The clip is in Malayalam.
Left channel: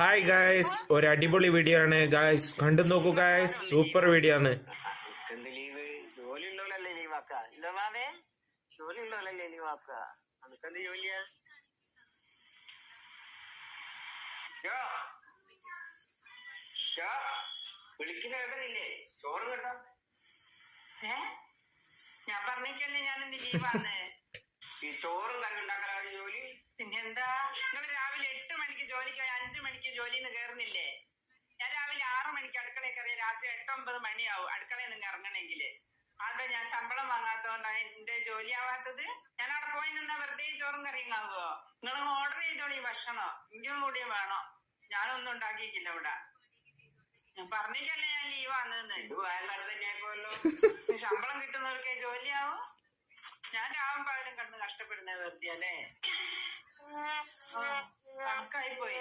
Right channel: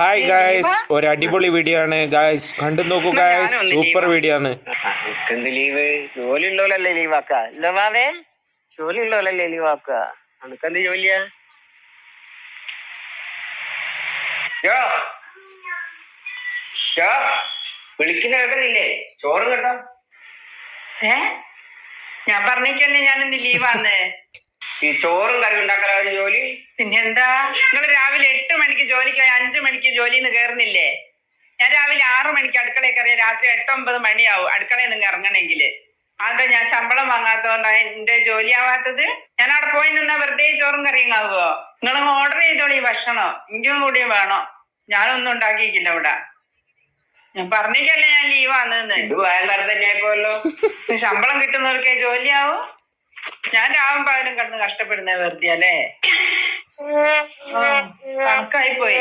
ഹായ് ഗായ്സ്, ഒരു അടിപൊളി വീഡിയോ ആണ് ഗായ്സ്, കണ്ടു നോക്കൂ ഗായ്സ്, സൂപ്പർ വീഡിയോ ആണ്. എന്ത് ലീവ്? ജോലി ഉള്ളോലല്ലേ ലീവാക്ക? ഇല്ല വാവേ, ജോലി ഉള്ളോലല്ലേ ലീവാക്ക? അനക്കെന്ത് ജോലിയാ? വിളിക്കുന്ന കേൾക്കുന്നില്ലേ? ചോറും കേട്ടോ. ഞാൻ പറഞ്ഞേക്കല്ലേ ഞാനിന്ന് ലീവാന്ന്. ഈ ചോറും കറി ഉണ്ടാക്കലായിരുന്നു ജോലി. പിന്നെന്താ, നിങ്ങൾ രാവിലെ 8 മണിക്ക് ജോലിക്ക് പോയി 5 മണിക്ക് ജോലിന്ന് കയറുന്നില്ലേ? ഞാൻ രാവിലെ 6 മണിക്ക് അടുക്കളയിൽ കയറിയ രാത്രി 8-9 മണിയാവും അടുക്കളയിൽ നിന്ന് ഇറങ്ങണമെങ്കിൽ. അതാ ഞാൻ ശമ്പളം വാങ്ങാത്തോണ്ടാ എന്റെ ജോലി ആവാത്തത്. ഞാൻ അവിടെ പോയി നിന്നാ വെറുതെ ചോറും കറിയും ആവുമോ? നിങ്ങൾ ഓർഡർ ചെയ്തോളി ഭക്ഷണം, എനിക്കും കൂടി വേണം. ഞാനൊന്നും ഉണ്ടാക്കിയിട്ടില്ല ഇവിടെ. ഞാൻ പറഞ്ഞേക്കല്ലേ ഞാൻ ലീവാന്ന്. ഇത് ഭയങ്കര തന്നെ ആയിപ്പോല്ലോ. ശമ്പളം കിട്ടുന്നവർക്കേ ജോലിയാവും. ഞാൻ രാവും പകലും കിടന്ന് കഷ്ടപ്പെടുന്നത് വെറുതെ അല്ലേ? കണക്കായി പോയി.